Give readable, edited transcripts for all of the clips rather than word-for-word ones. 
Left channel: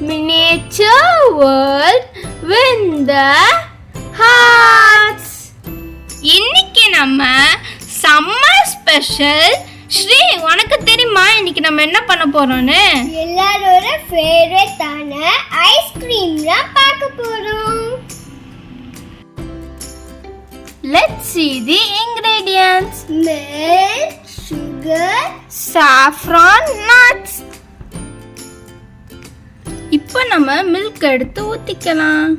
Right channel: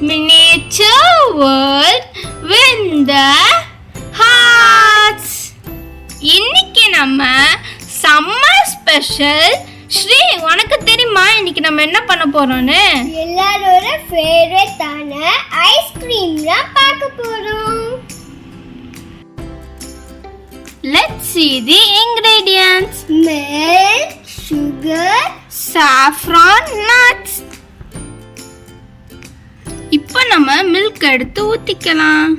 miniature world with the hearts. இன்னைக்கு நம்ம summer special. Sri, உனக்கு தெரியுமா இன்னைக்கு நம்ம என்ன பண்ண போறோம்னு? எல்லாரோட ஃபேவரட்டான ஐஸ்கிரீம் தான் பார்க்க போறோம். Let's see the ingredients. Milk, sugar, saffron, nuts. இப்போ நம்ம மில்க் எடுத்து ஊத்திக்கலாம்.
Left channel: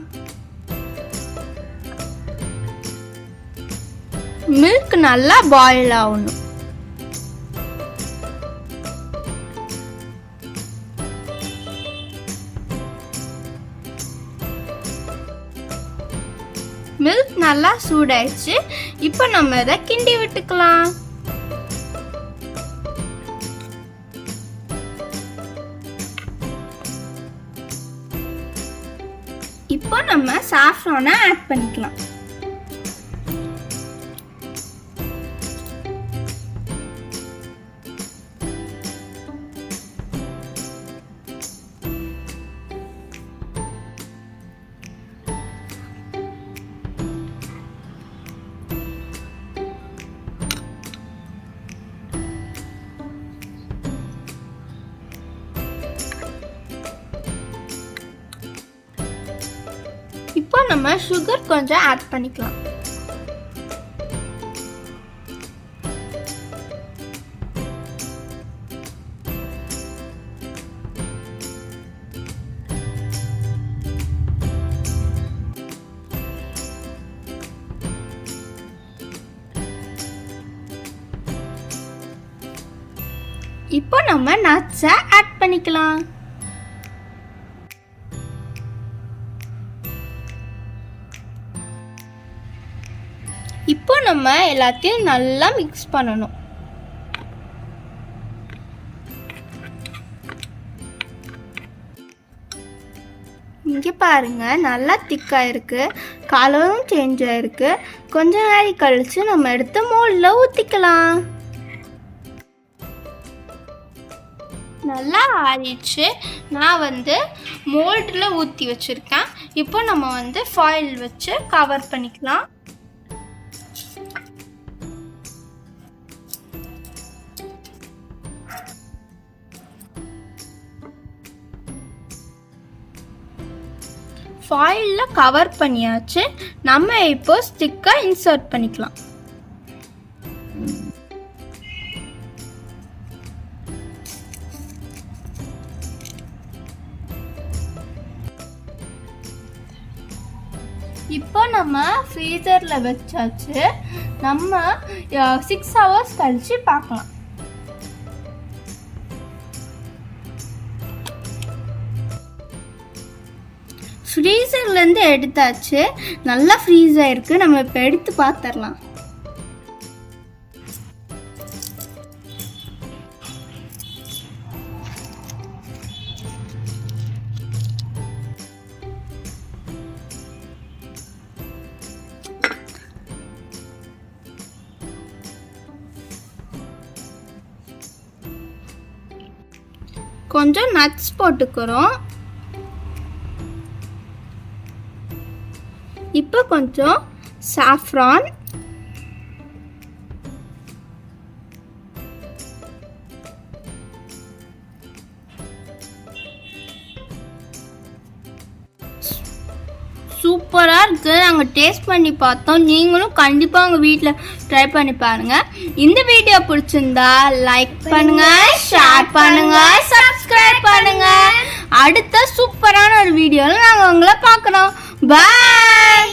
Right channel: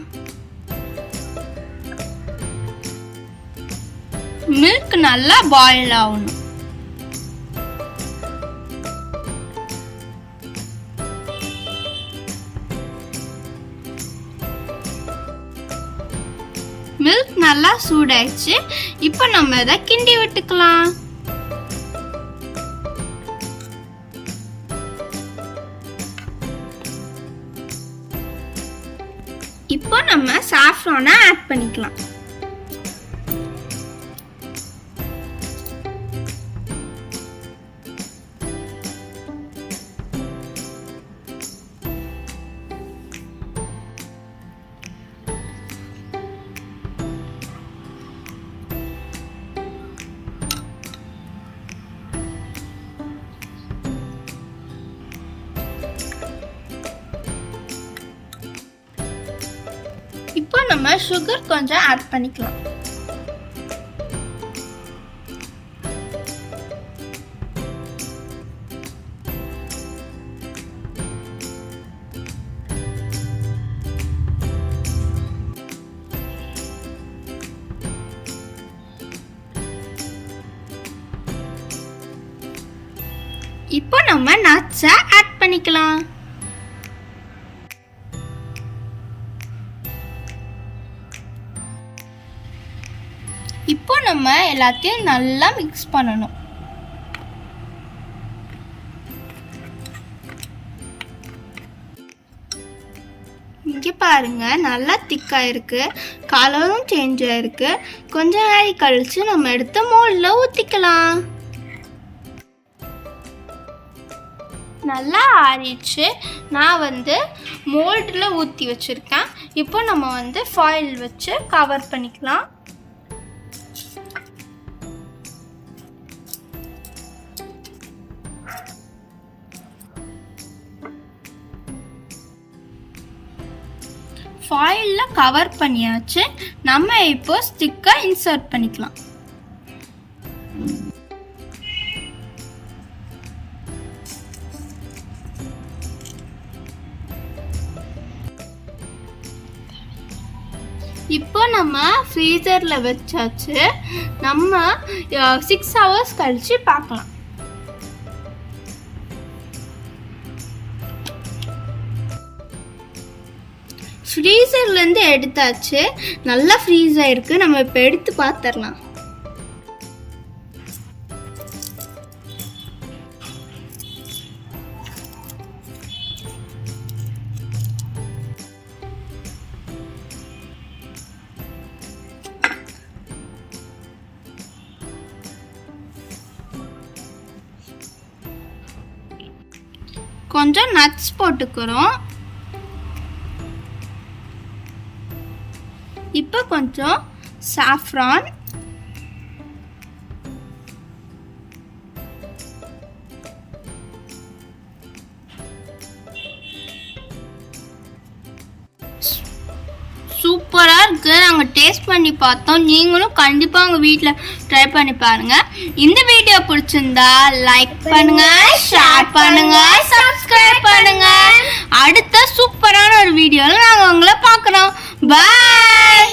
மில்க் நல்லா பாயில் ஆகணும். மில்க் நல்லா சூடாயிடுச்சு. இப்போ நம்ம இதை கிண்டி விட்டுக்கலாம். இப்போ நம்ம சாஃப்ரானை ஆட் பண்ணிக்கலாம். இப்போ நம்ம சுகர் கொஞ்சம் ஆட் பண்ணிக்கலாம். இப்போ நம்ம நட்ஸை ஆட் பண்ணிக்கலாம். இப்போ நம்ம எல்லாத்தையும் நல்லா மிக்ஸ் பண்ணணும். இங்கே பாருங்க, நல்லா திக்கா இருக்கு, கலரும் சேஞ்ச் ஆயிருக்கு. கொஞ்ச நேரம் கழிச்சு நம்ம எடுத்து மோல்ட்ல ஊத்திக்கலாம். நல்லா ஆறிடுச்சு. நான் மோல்டில் ஊற்றி வச்சுருக்கேன். இப்போ நம்ம ஃபாயில் வச்சு கவர் பண்ணிக்கலாம். ஃபாயிலில் கவர் பண்ணியாச்சு. நம்ம இப்போ ஸ்டிக்கை இன்சர்ட் பண்ணிக்கலாம். இப்போ நம்ம ஃப்ரீசரில் வச்சாச்சு. நம்ம 6 hours கழிச்சு பார்க்கலாம். ஃப்ரீசர்லேருந்து எடுத்தாச்சு. நல்லா ஃப்ரீஸ் ஆயிருக்கு. நம்ம இப்போ எடுத்து பார்த்துடலாம். கொஞ்சம் நட்ஸ் போட்டுக்கிறோம். இப்போ கொஞ்சம் சாஃப்ரான், சூப்பராக இருக்குது. நாங்கள் டேஸ்ட் பண்ணி பார்த்தோம். நீங்களும் கண்டிப்பாக உங்கள் வீட்டில் ட்ரை பண்ணி பாருங்கள். இந்த வீடியோ பிடிச்சிருந்தா லைக் பண்ணுங்க, ஷேர் பண்ணுங்க, சப்ஸ்கிரைப் பண்ணுங்க. அடுத்த சூப்பரான ஒரு வீடியோவில் நாங்கள் உங்களை பார்க்குறோம். பாய்.